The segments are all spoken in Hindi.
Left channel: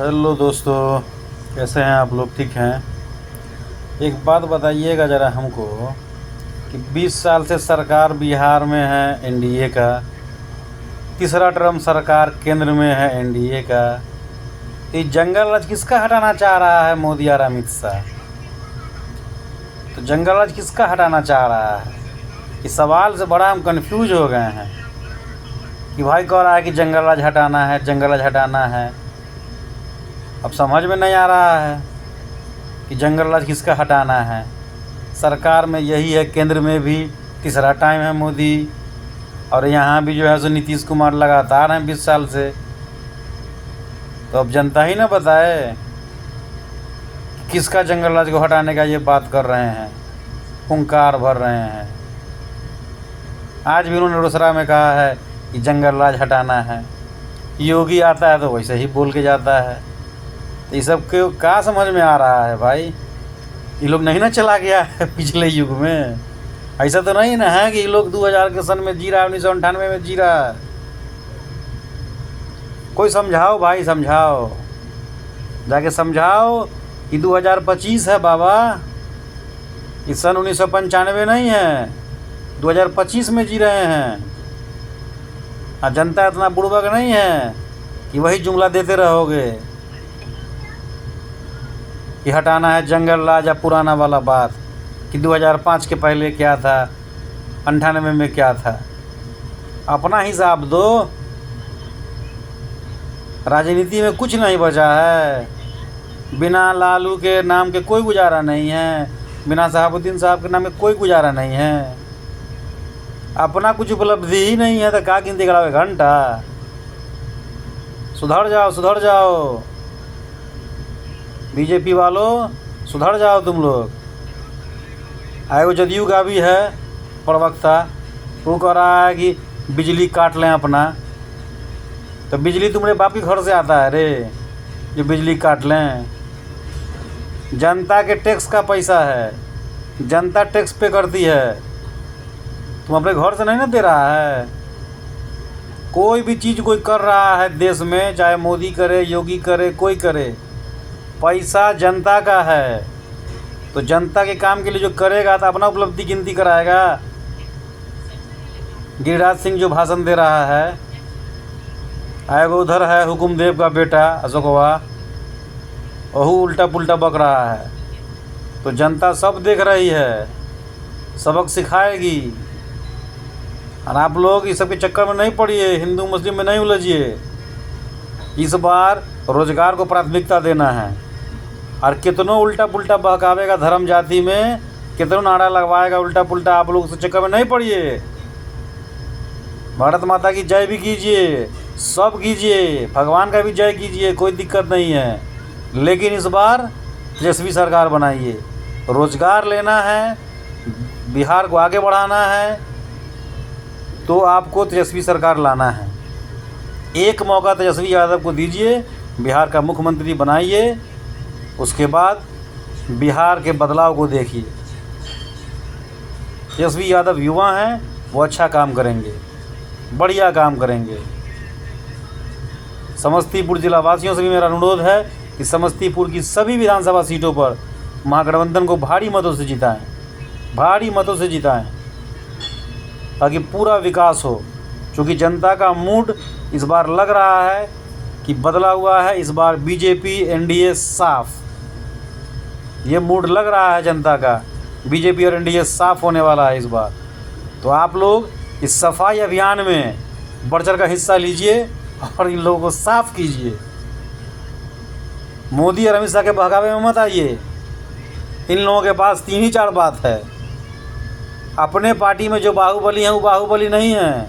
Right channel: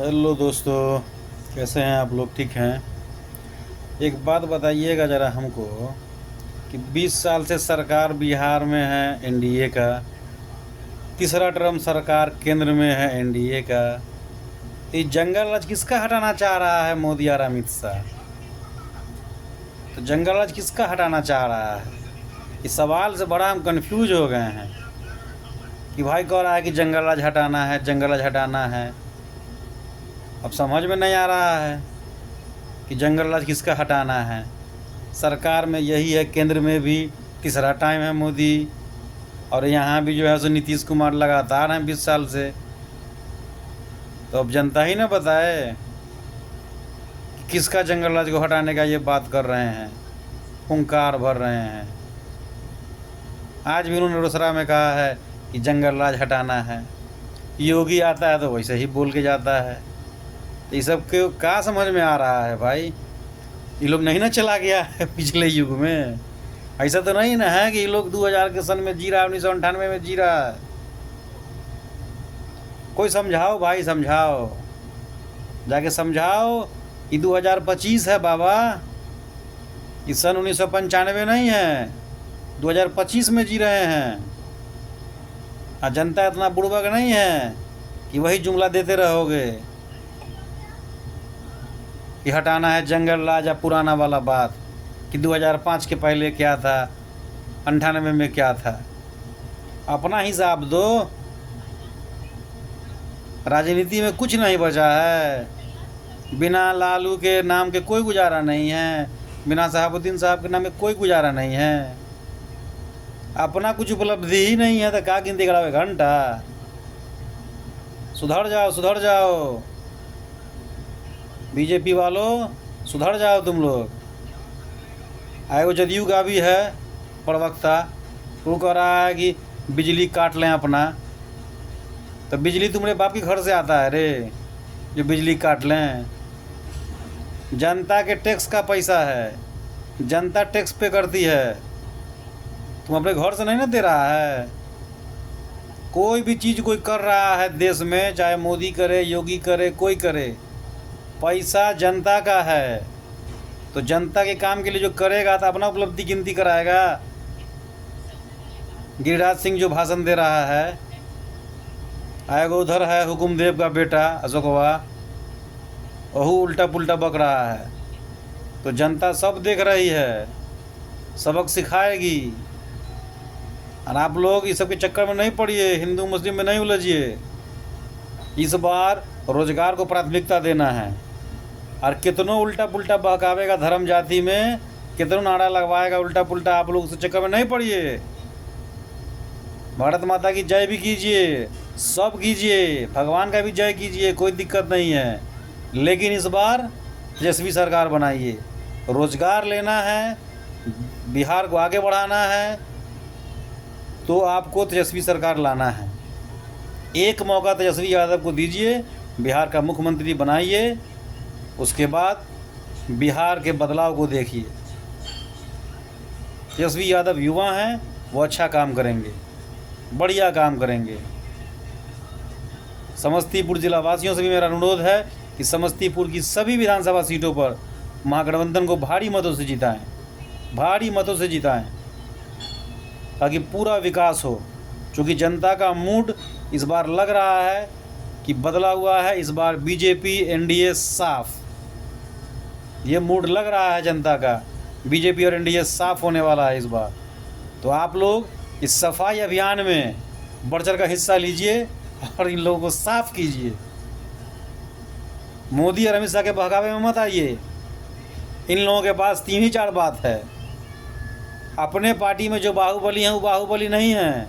हेलो दोस्तों, कैसे हैं आप लोग? ठीक हैं? एक बात बताइएगा ज़रा हमको कि 20 साल से सरकार बिहार में है एनडीए का, तीसरा टर्म सरकार केंद्र में है एनडीए का। ये जंगल राज किसका हटाना चाह रहा है मोदी और अमित शाह? तो जंगल राज किसका हटाना चाह रहा है? इस सवाल से बड़ा हम कंफ्यूज हो गए हैं कि भाई कह रहा है कि जंगल राज हटाना है, जंगल राज हटाना है। अब समझ में नहीं आ रहा है कि जंगल राज किसका हटाना है। सरकार में यही है, केंद्र में भी तीसरा टाइम है मोदी, और यहाँ भी जो है सो नीतीश कुमार लगातार हैं 20 साल से। तो अब जनता ही ना बताए कि किसका जंगल राज को हटाने का ये बात कर रहे हैं, हुंकार भर रहे हैं। आज भी उन्होंने रोसड़ा में कहा है कि जंगल राज हटाना है। योगी आता है तो वैसे ही बोल के जाता है। ये सब के क्या समझ में आ रहा है भाई? ये लोग नहीं ना चला गया है पिछले युग में? ऐसा तो नहीं ना है कि ये लोग 2000 के सन में जी रहा है, 1998 में जी रहा है। कोई समझाओ भाई, समझाओ, जाके समझाओ कि 2025 है बाबा। ये सन 1995 नहीं है, 2025 में जी रहे हैं। और जनता इतना बुड़बक नहीं है कि वही जुमला देते रहोगे कि हटाना है जंगल राज, या पुराना वाला बात कि 2005 के पहले क्या था, 98 में क्या था। अपना हिसाब दो। राजनीति में कुछ नहीं बचा है। बिना लालू के नाम के कोई गुजारा नहीं है, बिना शहाबुद्दीन साहब के नाम के कोई गुजारा नहीं है। अपना कुछ उपलब्धि ही नहीं है तो क्या गिनती करावे घंटा? सुधर जाओ, सुधर जाओ बीजेपी वालों, सुधर जाओ तुम लोग। आयोग जदयू का भी है प्रवक्ता, वो कह रहा है कि बिजली काट लें अपना। तो बिजली तुम्हारे बाप के घर से आता है रे, जो बिजली काट लें? जनता के टैक्स का पैसा है, जनता टैक्स पे करती है। तुम अपने घर से नहीं ना दे रहा है। कोई भी चीज़ कोई कर रहा है देश में, चाहे मोदी करे, योगी करे, कोई करे, पैसा जनता का है। तो जनता के काम के लिए जो करेगा तो अपना उपलब्धि गिनती कराएगा। गिरिराज सिंह जो भाषण दे रहा है, आएगा उधर है हुकुमदेव का बेटा अशोकवा, वहू उल्टा पुल्टा बक रहा है। तो जनता सब देख रही है, सबक सिखाएगी। और आप लोग इस सब के चक्कर में नहीं पड़िए, हिंदू मुस्लिम में नहीं उलझिए। इस बार रोजगार को प्राथमिकता देना है। और कितनों उल्टा पुल्टा बहकावेगा धर्म जाति में, कितनों नारा लगवाएगा उल्टा पुल्टा, आप लोग उस चक्कर में नहीं पड़िए। भारत माता की जय भी कीजिए, सब कीजिए, भगवान का भी जय कीजिए, कोई दिक्कत नहीं है। लेकिन इस बार तेजस्वी सरकार बनाइए। रोजगार लेना है, बिहार को आगे बढ़ाना है, तो आपको तेजस्वी सरकार लाना है। एक मौका तेजस्वी यादव को दीजिए, बिहार का मुख्यमंत्री बनाइए। उसके बाद बिहार के बदलाव को देखिए। तेजस्वी यादव युवा हैं, वो अच्छा काम करेंगे, बढ़िया काम करेंगे। समस्तीपुर जिला वासियों से भी मेरा अनुरोध है कि समस्तीपुर की सभी विधानसभा सीटों पर महागठबंधन को भारी मतों से जिताएं, भारी मतों से जिताएं, ताकि पूरा विकास हो। क्योंकि जनता का मूड इस बार लग रहा है कि बदला हुआ है। इस बार बीजेपी एनडीए साफ, ये मूड लग रहा है जनता का। बीजेपी और एनडीए साफ होने वाला है इस बार। तो आप लोग इस सफाई अभियान में बढ़ चढ़ का हिस्सा लीजिए और इन लोगों को साफ कीजिए। मोदी और अमित शाह के बहकावे में मत आइए। इन लोगों के पास 3 ही 4 बात है। अपने पार्टी में जो बाहुबली हैं वो बाहुबली नहीं है,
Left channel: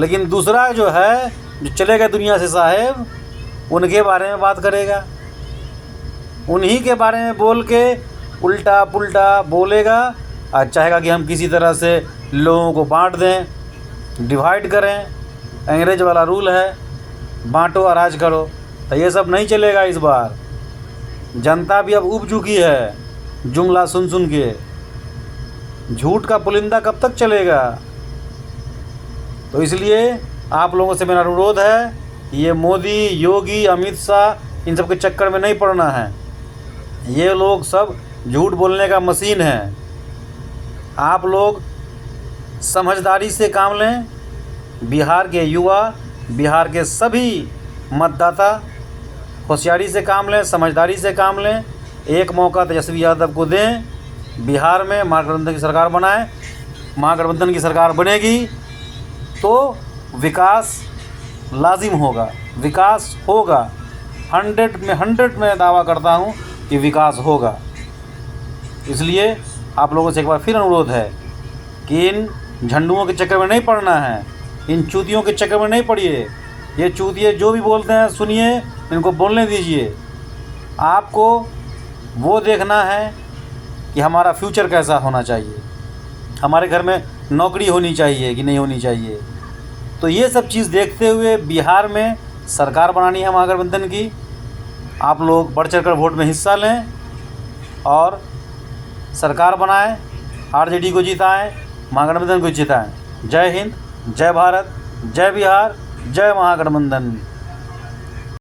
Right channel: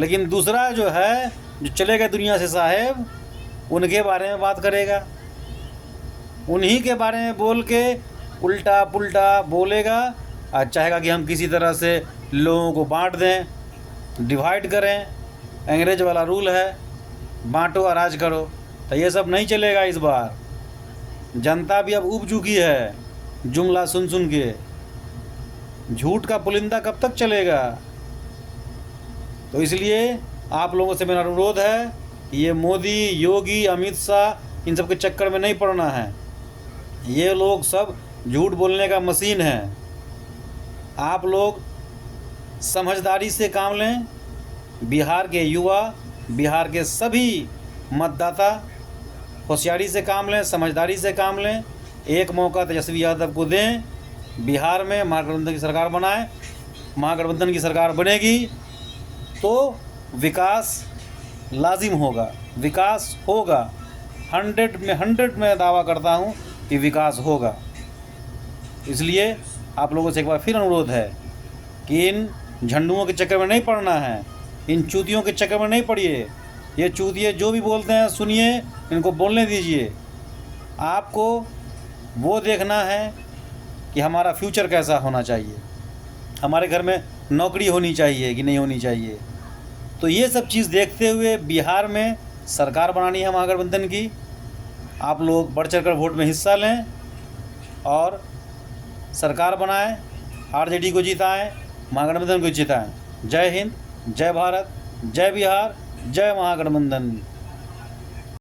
लेकिन दूसरा जो है, जो चलेगा दुनिया से साहेब, उनके बारे में बात करेगा। उन्हीं के बारे में बोल के उल्टा पुल्टा बोलेगा और चाहेगा कि हम किसी तरह से लोगों को बांट दें, डिवाइड करें। अंग्रेज वाला रूल है, बांटो और राज करो। तो ये सब नहीं चलेगा इस बार। जनता भी अब उब चुकी है जुमला सुन सुन के। झूठ का पुलिंदा कब तक चलेगा? तो इसलिए आप लोगों से मेरा अनुरोध है, ये मोदी, योगी, अमित शाह इन सब के चक्कर में नहीं पड़ना है। ये लोग सब झूठ बोलने का मशीन है। आप लोग समझदारी से काम लें। बिहार के युवा, बिहार के सभी मतदाता होशियारी से काम लें, समझदारी से काम लें। एक मौका तेजस्वी यादव को दें। बिहार में महागठबंधन की सरकार बनाएं। महागठबंधन की सरकार बनेगी तो विकास लाजिम होगा, विकास होगा। 100 में दावा करता हूँ कि विकास होगा। इसलिए आप लोगों से एक बार फिर अनुरोध है कि इन झंडुओं के चक्कर में नहीं पड़ना है, इन चूतियों के चक्कर में नहीं पड़िए। ये चूतिए जो भी बोलते हैं सुनिए, इनको बोलने दीजिए। आपको वो देखना है कि हमारा फ्यूचर कैसा होना चाहिए, हमारे घर में नौकरी होनी चाहिए कि नहीं होनी चाहिए। तो ये सब चीज़ देखते हुए बिहार में सरकार बनानी है महागठबंधन की। आप लोग बढ़ चढ़ कर वोट में हिस्सा लें और सरकार बनाएं, आरजेडी को जिताएं, महागठबंधन को जिताएं। जय हिंद, जय भारत, जय बिहार, जय महागठबंधन।